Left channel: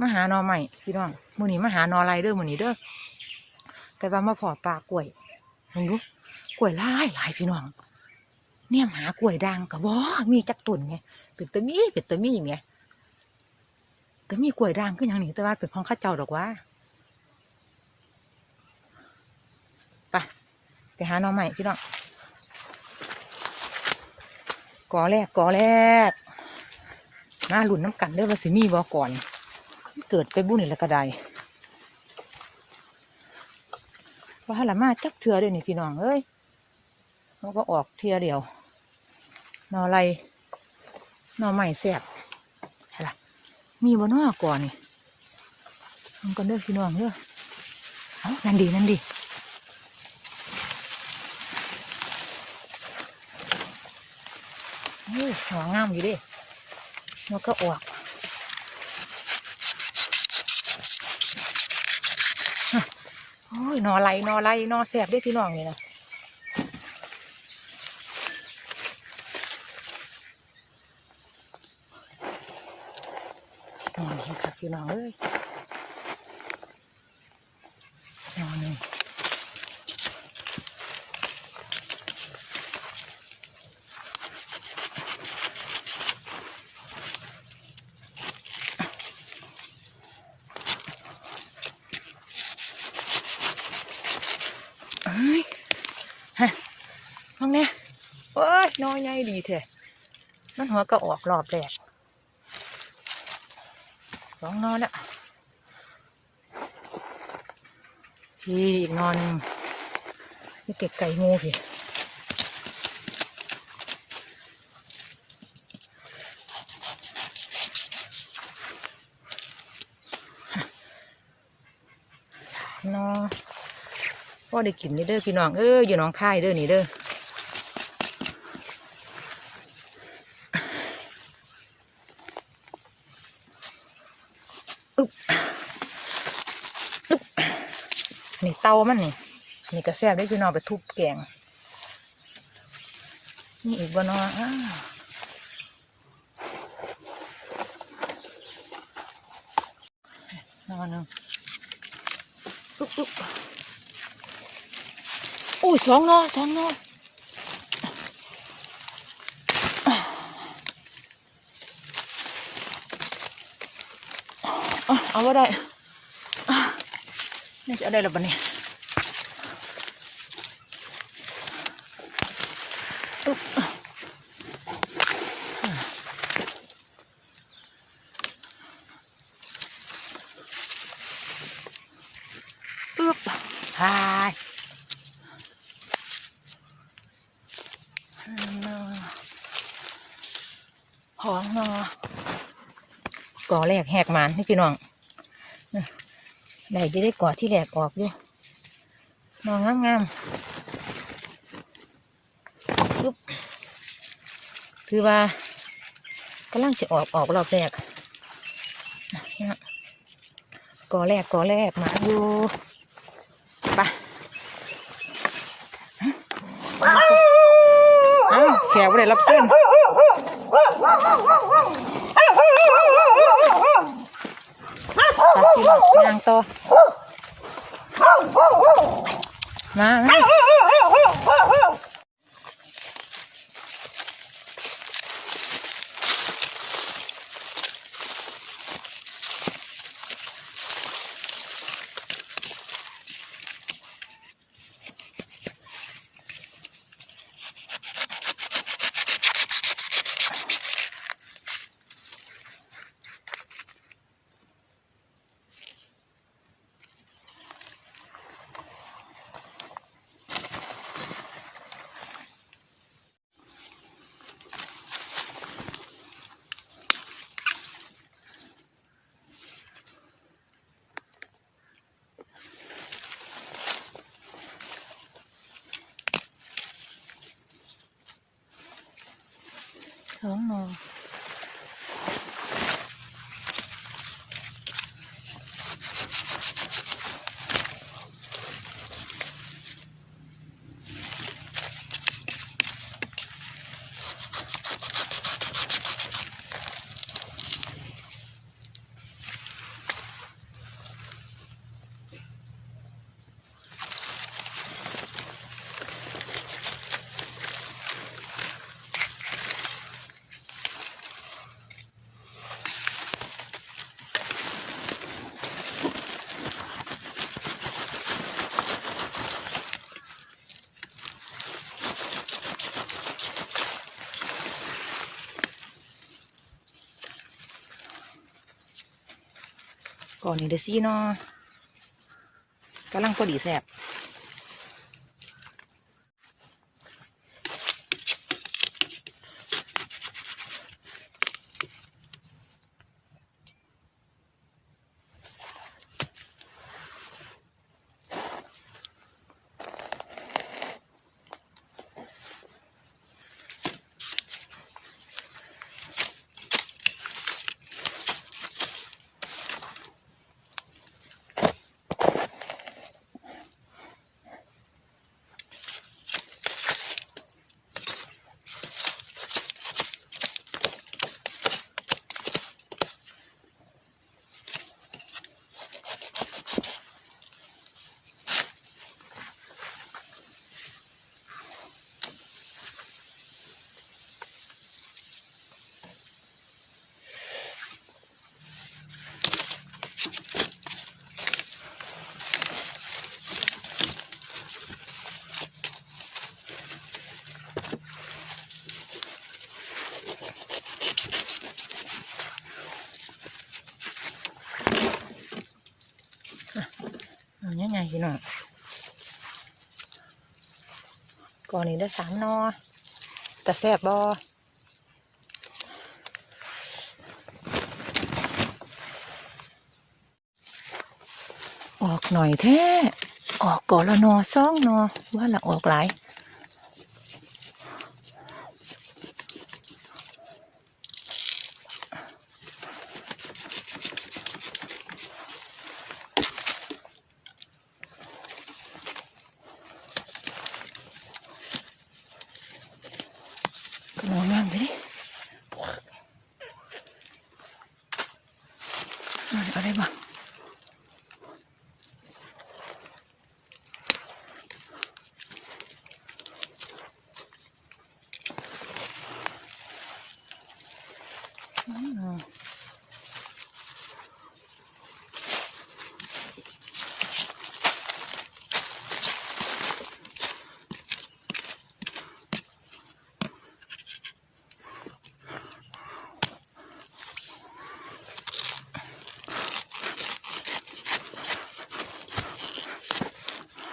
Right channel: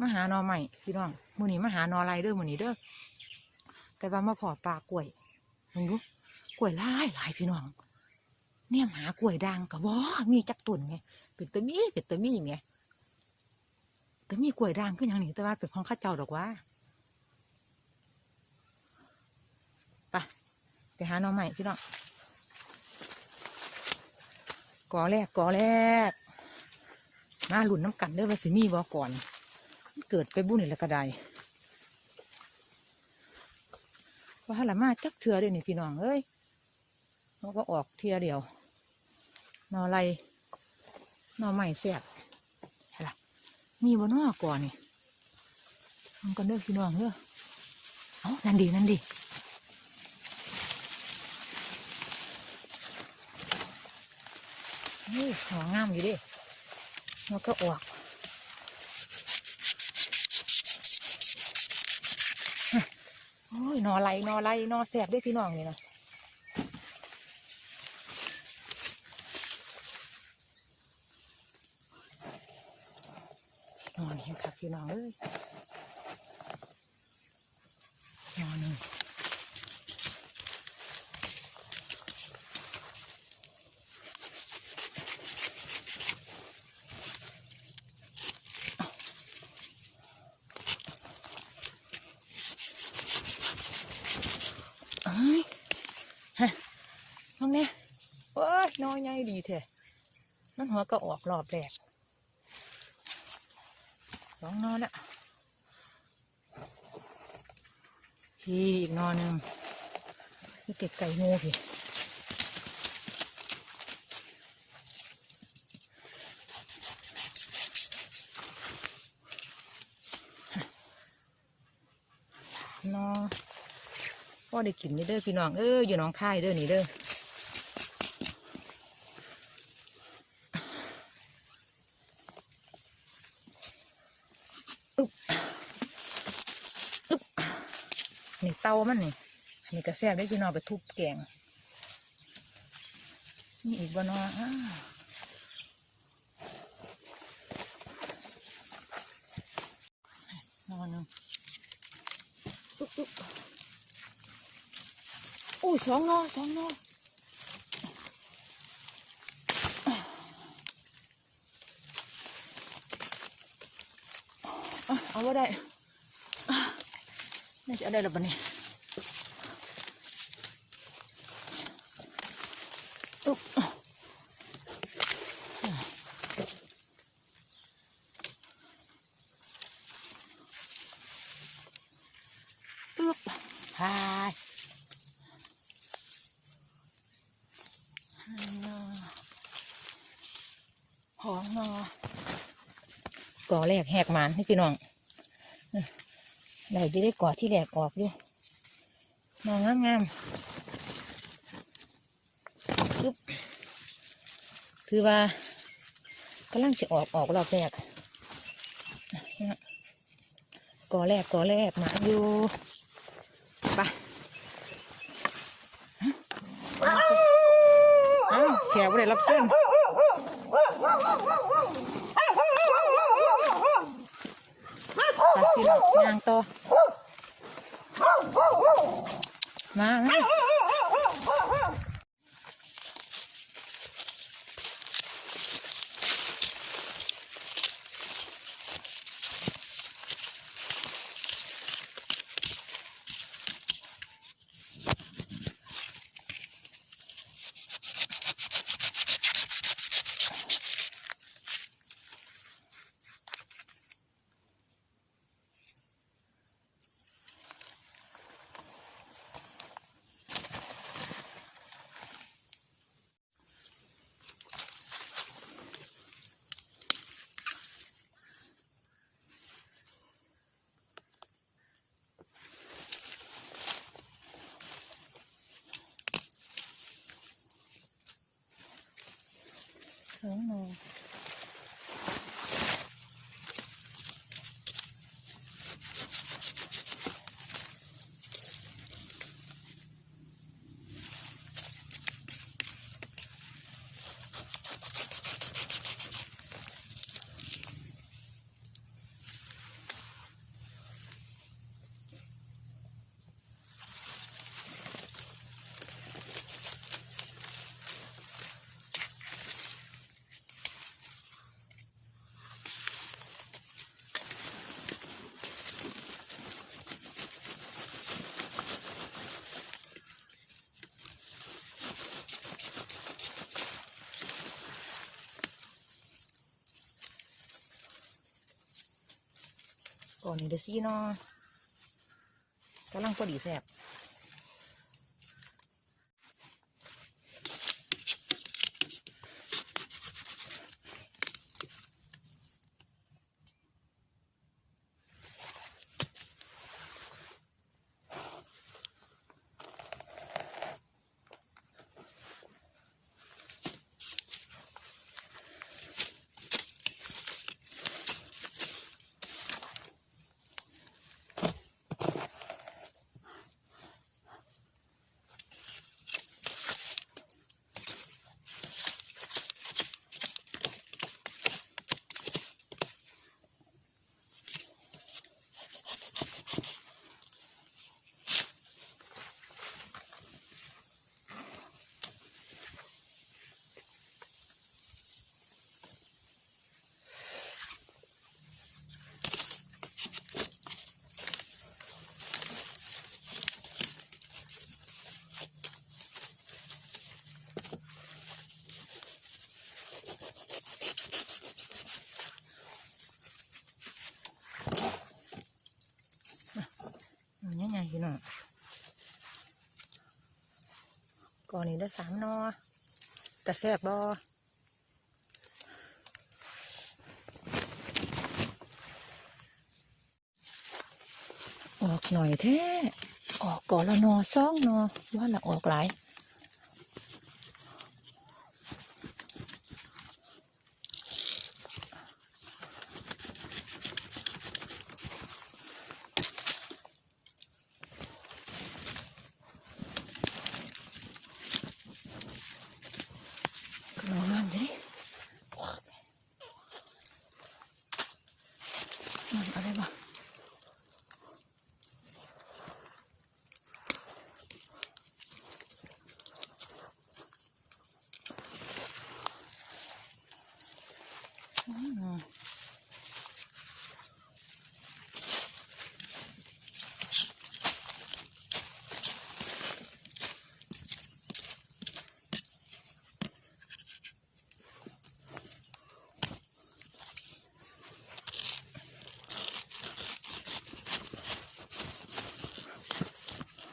มาหานอใหม่พี่น้องมือนี้มาหานอไรเด้อมือนี้เด้อแต่ว่ามาพอปลากล้วยเห็นดูกล้วยหลายหลายพี่น้อง เนี่ยหากล้วยด่างกะบ่มีจักต้นไงเป็นตะมีเป็นตะมีไงก็มีกล้วยด่างคือหยังนี่แต่ว่าเป็นของข้าเจ้าดอกว่าไปไปหานอใหม่พี่น้องกอแรกกอแรกมาหลุนน้ำกันเด้อว่าสิมีบ่ก่อน เกิดไปบุญนี่ล้วก็ได้ว่าละมาจักเถื่อเด้อนี่พี่น้องเอ้ยมันก็ออกเทื่อเดียวนอไรนอใหม่แสบใช่ละมีบ่นอก่อนนี่มันก็เด้อพี่น้องเด้อเอานั่นดีนั่นดีเฮ้ยหัวงามอยู่ดิมันก็ออก โอ้ ยนอไรนอไรนอแสบได้พี่น้องนี่นะนอนเห็นคักพี่น้องเอ้ยนอนหนึ่งเอ้ยฮะมองเนี่ยโอ้ยนอ ใหญ่ดีเถอะมันหัวก็ออกรอบแรกสองนอนละพี่อีกนอนหนึ่งนี่เก็บไก่งูพี่นอพ่อได้กินนี่เด้อพี่น้องเอออยู่น้องค่ายเด้อนี่เด้อ เตามันนี่อันนี้ก็แซ่บได้พี่น้องไปทุบแกงนี่อีกบ่นออนอนนึงปุ๊บปุ๊บโอ้ยสองนอสองนออเอาว่าได้อะนี่จะได้หรือเปล่าเนี่ยอุ๊บปึ๊บหายหอมเนาะ กแหกหมันให้พี่น้องได้ไปได้กอดที่แหลกออกอยู่นองงามๆปึ๊บคือว่ากำลังจะออกออกรอบแรกนะกอแรกกอแรกมาอยู่ไปเอ้าแขวไม่ได้รับเส้นไป พี่น้องยางต่อมามา 讲我 ก่อนนี้เดซี่เนาะกำลังพอดีแซบ พี่น้องก่อนนี้ได้สามนอแต่แซ่บบอออกหน่อยแท้ออกก่อนละนอซ่องนอว่าละออกหลาย ก็มองแม่งไปดิมันอะไรบ้างอืม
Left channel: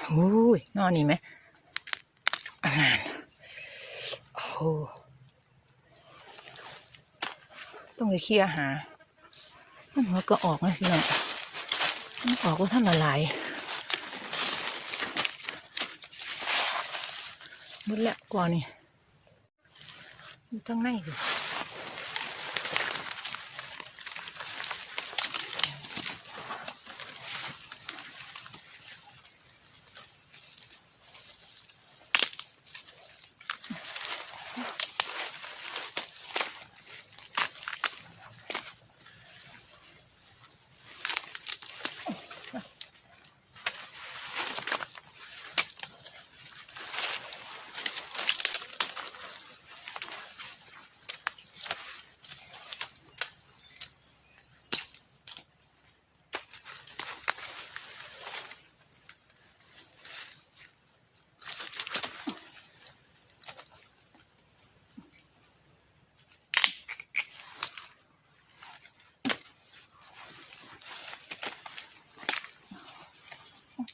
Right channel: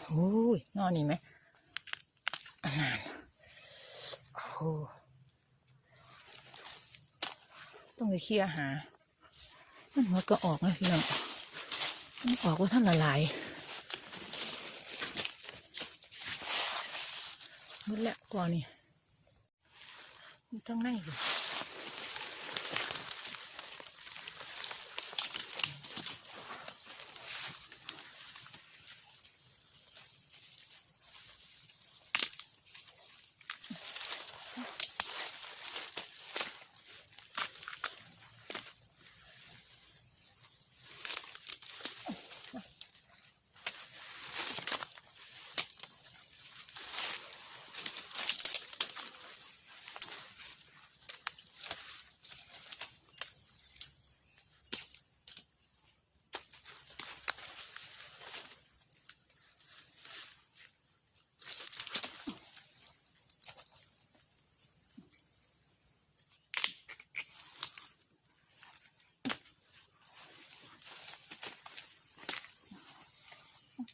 โอ้ย นอนนี่ไหมอ่านโอ้ต้องไปเคลียหามันมันก็ออกไหมพี่น้องมันออกว่าท่านละลายหมดแล้วก่อนนี่อยู่ข้างในอยู่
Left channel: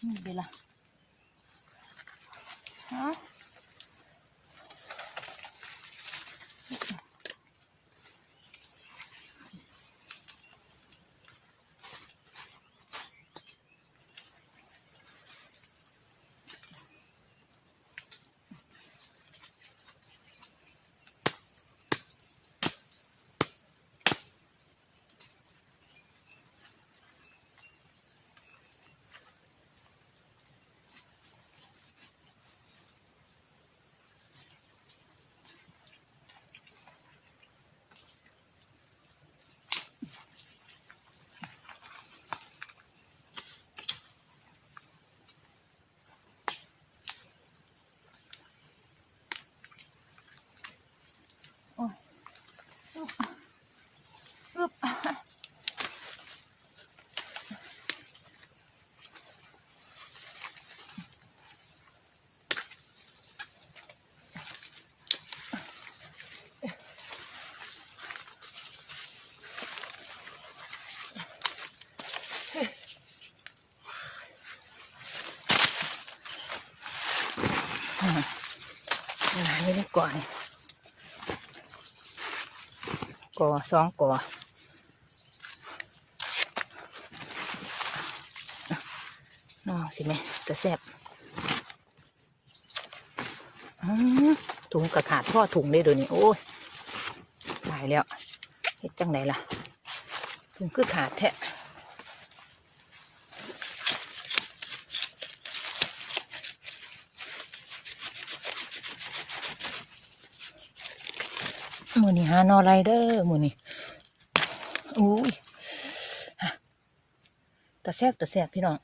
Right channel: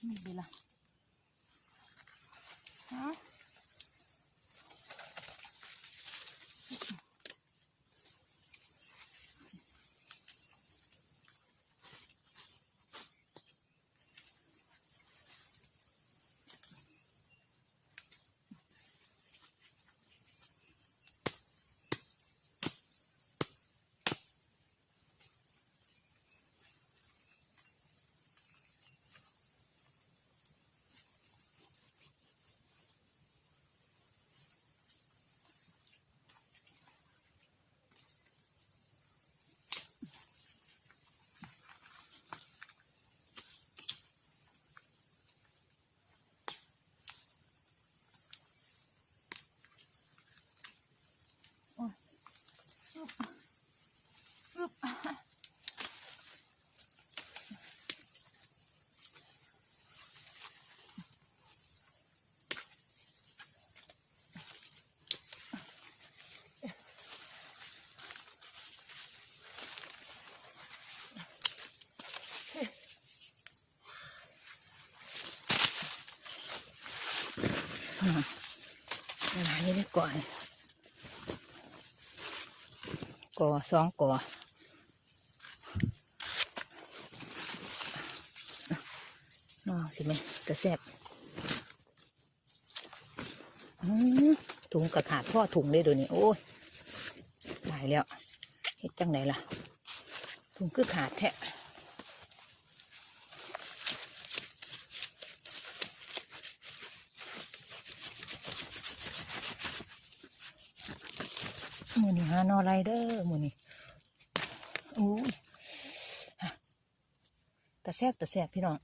นี่เบล่ะฮะ ก่อนก่อสองก่อน้องสิแม่จะแซ่บถุงกระขาดพ่อถุงเลยเดี๋ยนี้โอ้ยตายแล้วเฮ็ดจังไหนล่ะถุงคือขาดแท้ หมูนี่หานอไรเดอร์หมูนี่อุ้ยฮะตะแซกตะแซกพี่น้อง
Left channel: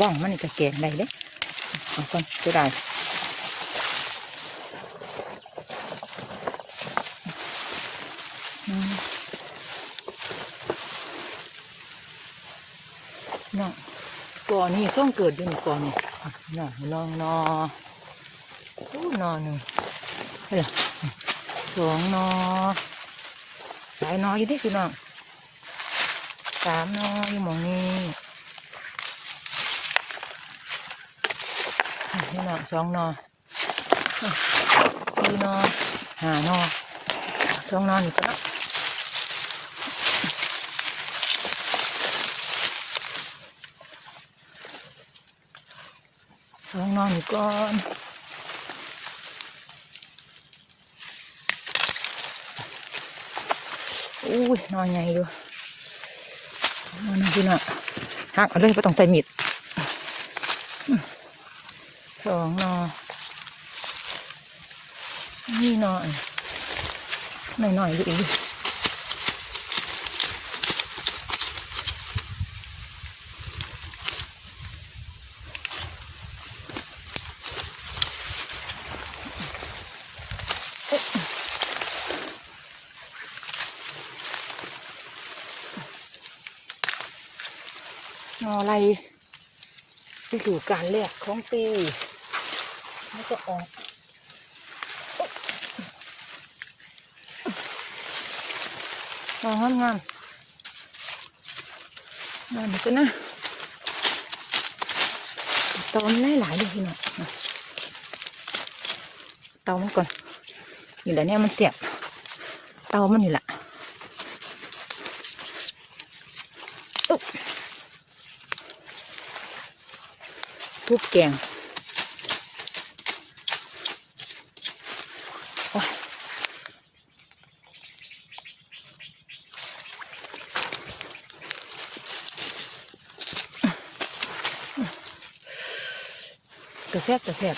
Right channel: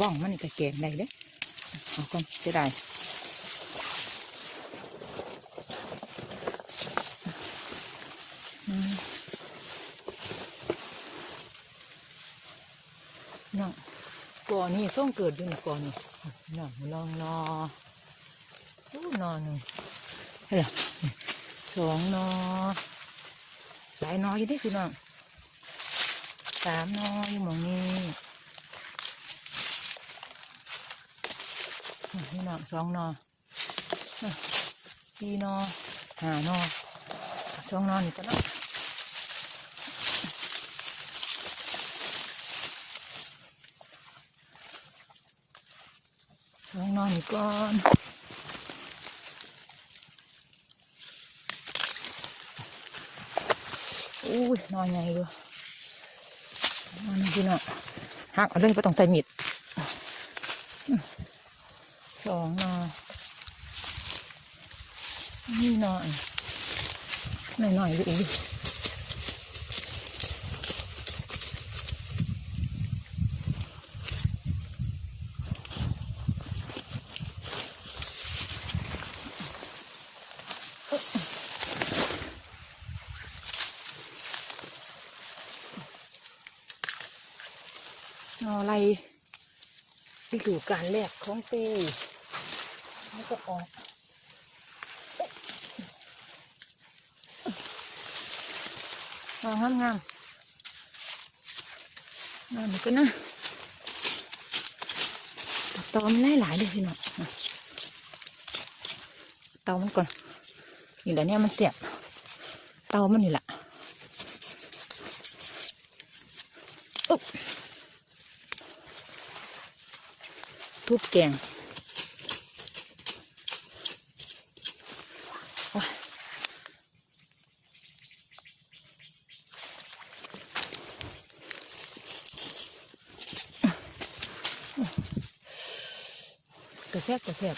บ้องมันนี่ก็แกงได้เด้เอาก่อนจะได้น้องก่อนนี่ส่งเกิดอยู่ในก่อนนี่อะน้องลองนอโอ้นอหนึ่งเฮ้ยสองนอหลายนออยู่เดิพี่น้องสามนออยู่หมองนี้ นี่นอสองนอนี่นอหานอสองนอนี่ก็ได้สองนอนี่ก่อนอุ้ยนอนใหญ่อยู่นอนนี่พี่น้องหักเอาเลยไม่ต้องใส่มิด สองนอนี่นอนหน่อยหน่อยดูอีกนออะไรไปอยู่การแรกของปี นี่ก็ออกมองงามงามงามก็นะตอนนี้หลายเลยพี่น้องนะเตามันก่อนนี่แหละเนี่ยมันเสียบเตามันนี่แหละอึ๊บทุบแกง ซบกระแซบ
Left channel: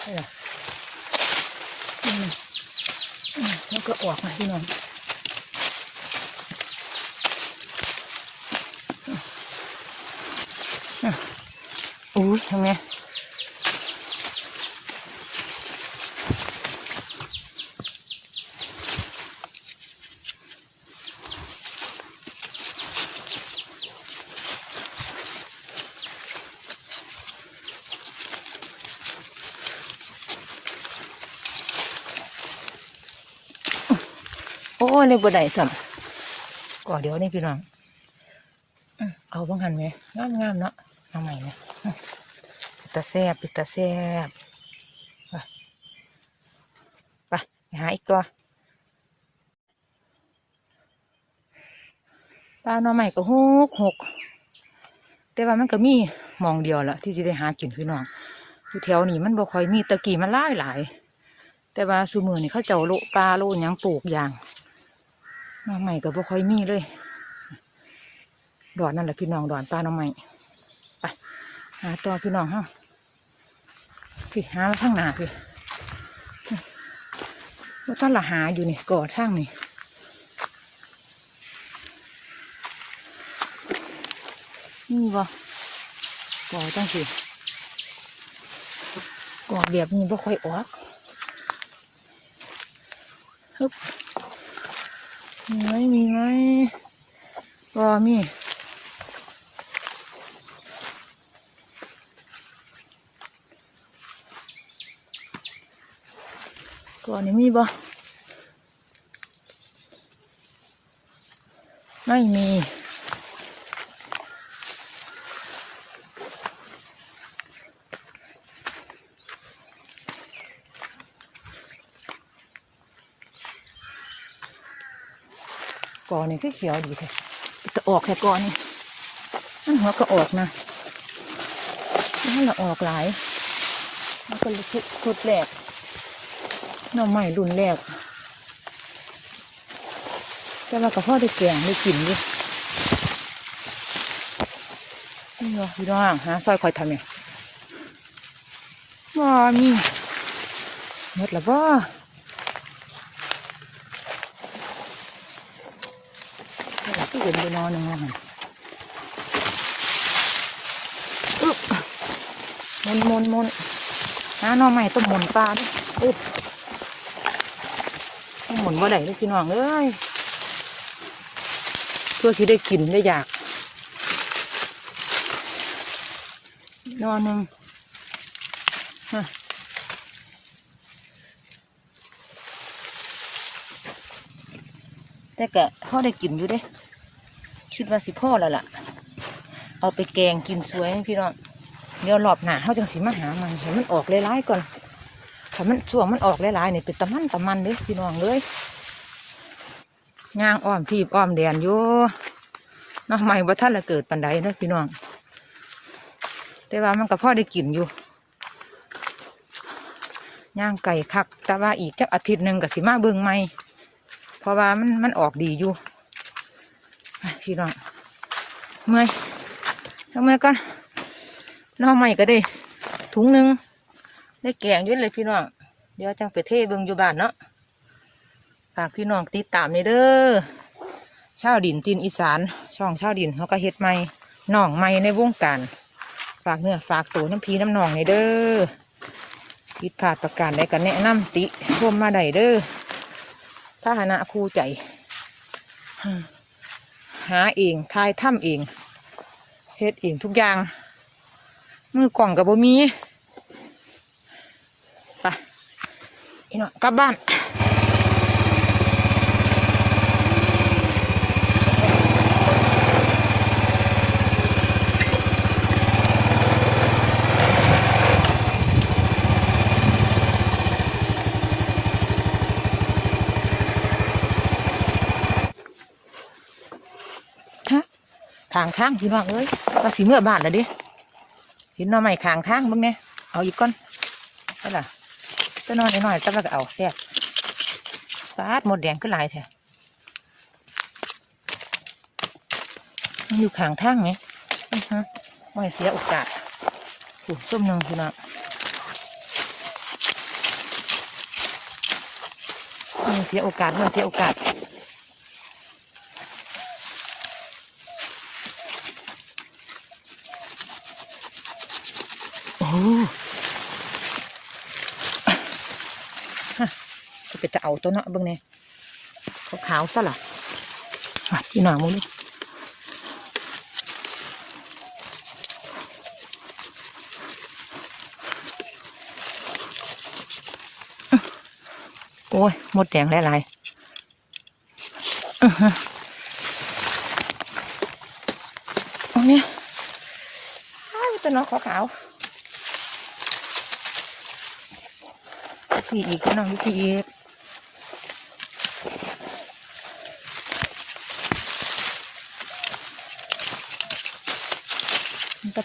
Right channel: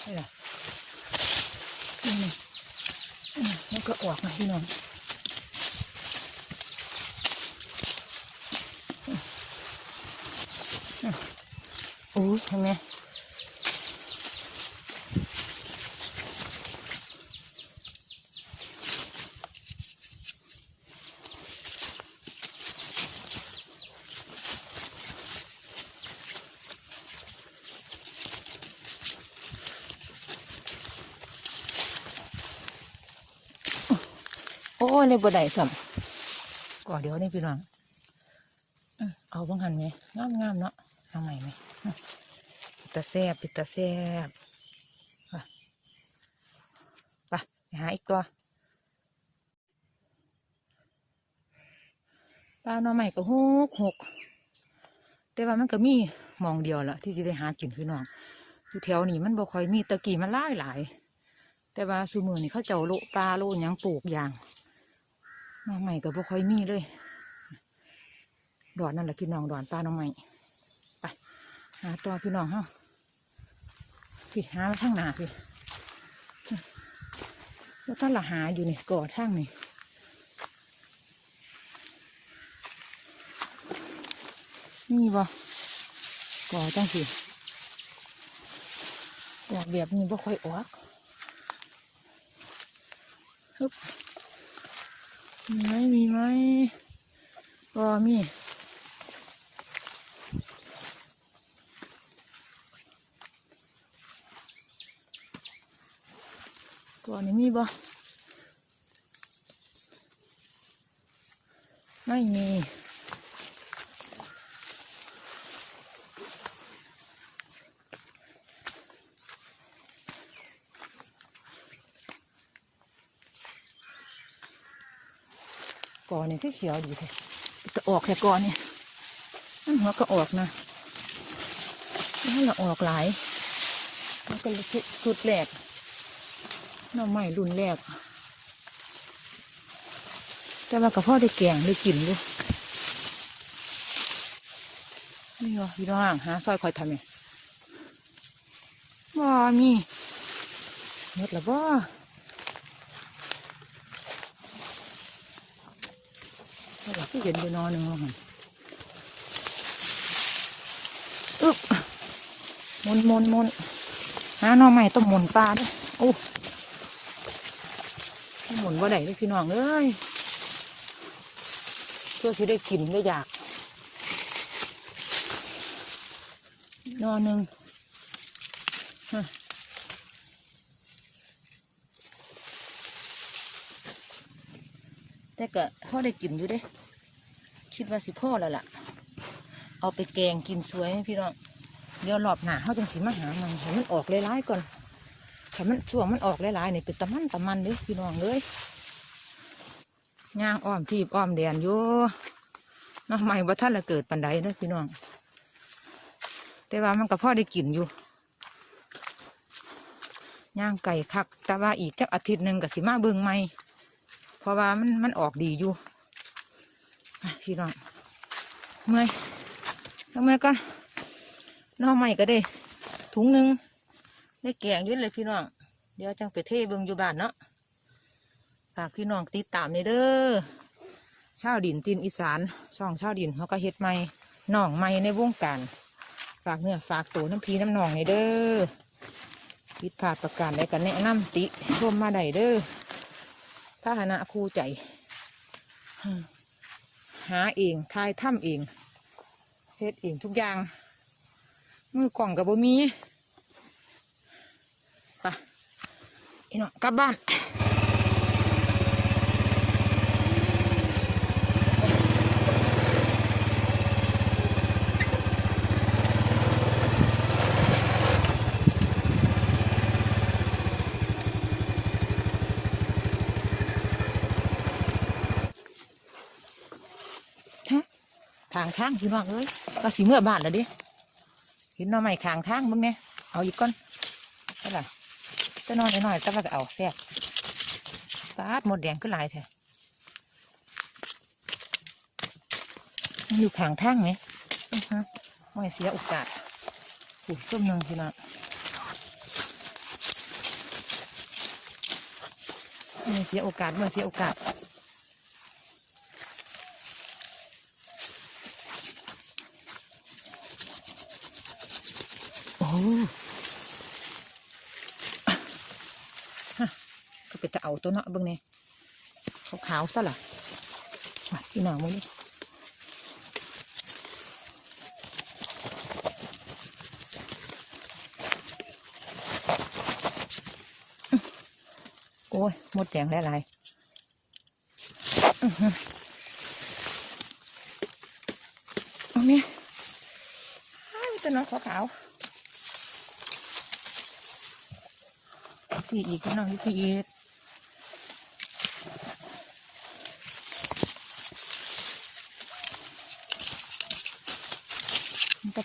เอาล่ะอืมอืมแล้วก็ออกมาพี่น้องอะอุ้ยทำไง ยเลยบ่ได้สัมก่อเดี๋ยวนี่พี่น้องเอาบ้างหันไหมงามงามเนาะเอาใหม่ไหมตาแซบปิตาแซบไปไปหาอีกตัวปลาหน่อใหม่ก็หกหกแต่ว่ามันก็มีมองเดียวละที่จะได้หากินพี่น้องอยู่แถวนี้มันบ่ค่อยมีตะกี้มันหลายหลาย แต่ว่าซูมือนี่เขาเจ้าโลปลาโลยังปลูกอย่าง น้องใหม่ก็บ่ค่อยมีเลย ดอนนั่นแหละพี่น้องดอนปลาหน้องใหม่ไปหาต่อพี่น้องฮะพี่หามาข้งหน้าพี่ว่าท่านละหาอยู่นี่ก่อทางนี่นี่บ่ก่อตั้งสิก่อแบบนี้บ่ค่อยออกฮึบ มีไหมมีไหมรอมีก่อนนี้มีบ่ไม่มี ก่อนนี่ก็เขียวดีแท้จะออกแค่ก่อนนี่มันหัวก็ออกนะมันละออกหลายมันก็ชุดชุดแรกหน้อใหม่รุ่นแรกแต่ว่ากับพ่อได้แกงได้กินอยู่นี่วะพี่น้องหาซอยคอยทำเนี่ยว้ามีหมดแล้วบ่าก เห็นไปนอนหนึ่งอะอึ๊บมุนมุนมุนหาน่อใหม่ต้องหมุนปลาด้วยโอ้ต้องหมุนว่าไหนเลยพี่น้องเอ้ยเพื่อสิได้กินได้อยาก นอนหนึ่งฮะแต่กะพ่อได้กินอยู่เด้ คิดว่าสิพ่อแล้วล่ะ เอาไปแกงกินสวยไหมพี่น้องเดี๋ยวรอบหน้าเขาจังสีมาหามันเห็นมันออกหลายๆก่อนถ้ามันช่วงมันออกหลายๆนี่เป็นตะมันตะมันเลยพี่น้องเลยย่างอ้อมทีบอ้อมแดนอยู่นองใหม่ว่าท่านละเกิดปันใดนะพี่น้อง แต่ว่ามันกับพ่อได้กินอยู่ย่างไก่คัก แต่ว่าอีกจักอาทิตย์หนึ่งกับสิมาเบิงใหม่เพราะว่ามันมันออกดีอยู่ พี่น้องเมื่อยทำไมกันน้องใหม่ก็ได้ ถุงหนึ่งได้แกงยุ่เลยพี่น้องเดี๋ยวจังไปเทเบิงอยู่บ้านเนาะฝากพี่น้องติดตามนี่เด้อชาวดินตีนอีสาน ช่องชาวดินเขาก็เฮ็ดใหม่น้องใหม่ในวงการฝากเนื้อฝากตัวน้ำพีน้ำหนองนี่เด้อผิดพลาดประการใดกันแนะนำติชมมาได้เด้อพาหนะคู่ใจ หาเองทายถ้ำเองเฮ็ดเองทุกอย่าง มือกล่องกับบ่มีไปอีน้องกลับบ้านางทางพี่น้องเอ้ยว่าสีเมื่อบาทแล้วเด้เห็นหน้อใหม่ทางทางเบ้างเนี่ยเอาอีกก้อนได้ล่ะก็นอนหน่อยๆก็แล้วก็เอาแซ่บฟาดหมดแดงก็หลายแท้มันอยู่ข้างทางไงอือฮะไม่เสียโอกาสผูส้มหนึ่งพี่น้องไม่เสียโอกาสไม่เสียโอกาส โอ้ฮะจะไปจะ เอาตัวเนาะเบิ่งเนี่ยขาขาวซะล่ะอะที่หนามึงนี่โอ้ยหมดแดงหลายๆอื้อฮะเอาเนี่ยอ้เป็นน้องขาวๆพี่อีกน้องพี่อีก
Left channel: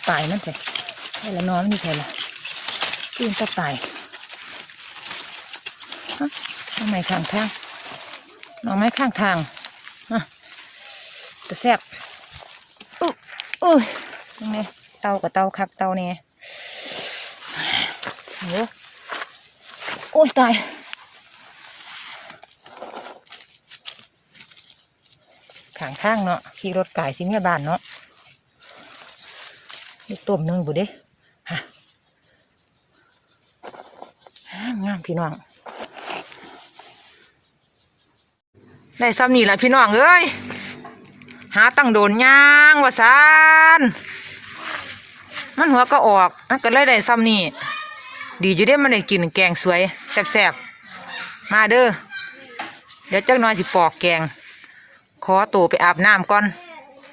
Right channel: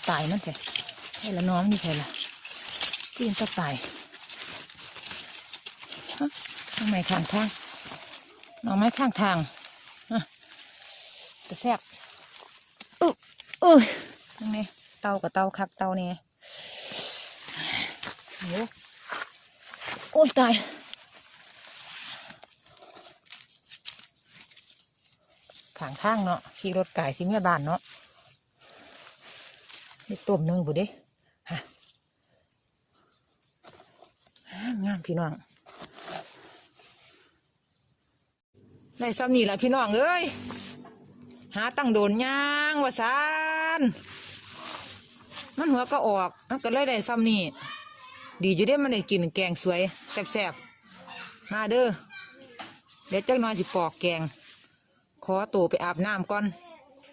ปายมันเถอะให้ละน้อยนี่เถอล่ะตื่นตะปลายน้องไม้ข้างทางน้องไม้ข้างทางแต่แซ่บอื้ออื้อนี่เตากับเตาคักเตาเนี่ยโอ้โอ้ยตายข้างข้างเนาะขี่รถไก่สิเมียบานเนาะ นี่ต้มหนึ่งบุเด้ฮะงามพี่น้องได้ซ้ำนี่แหละพี่น้องเอ้ยหาตั้งโดนย่างว่าซานมันหัวก็ออกมันก็เลยได้ซ้ำนี่ดีอยู่ได้มันได้กินแกงสวยแซ่บๆมาเด้อเดี๋ยวจักน้อยสิปอกแกง ขอตัวไปอาบน้ำก่อน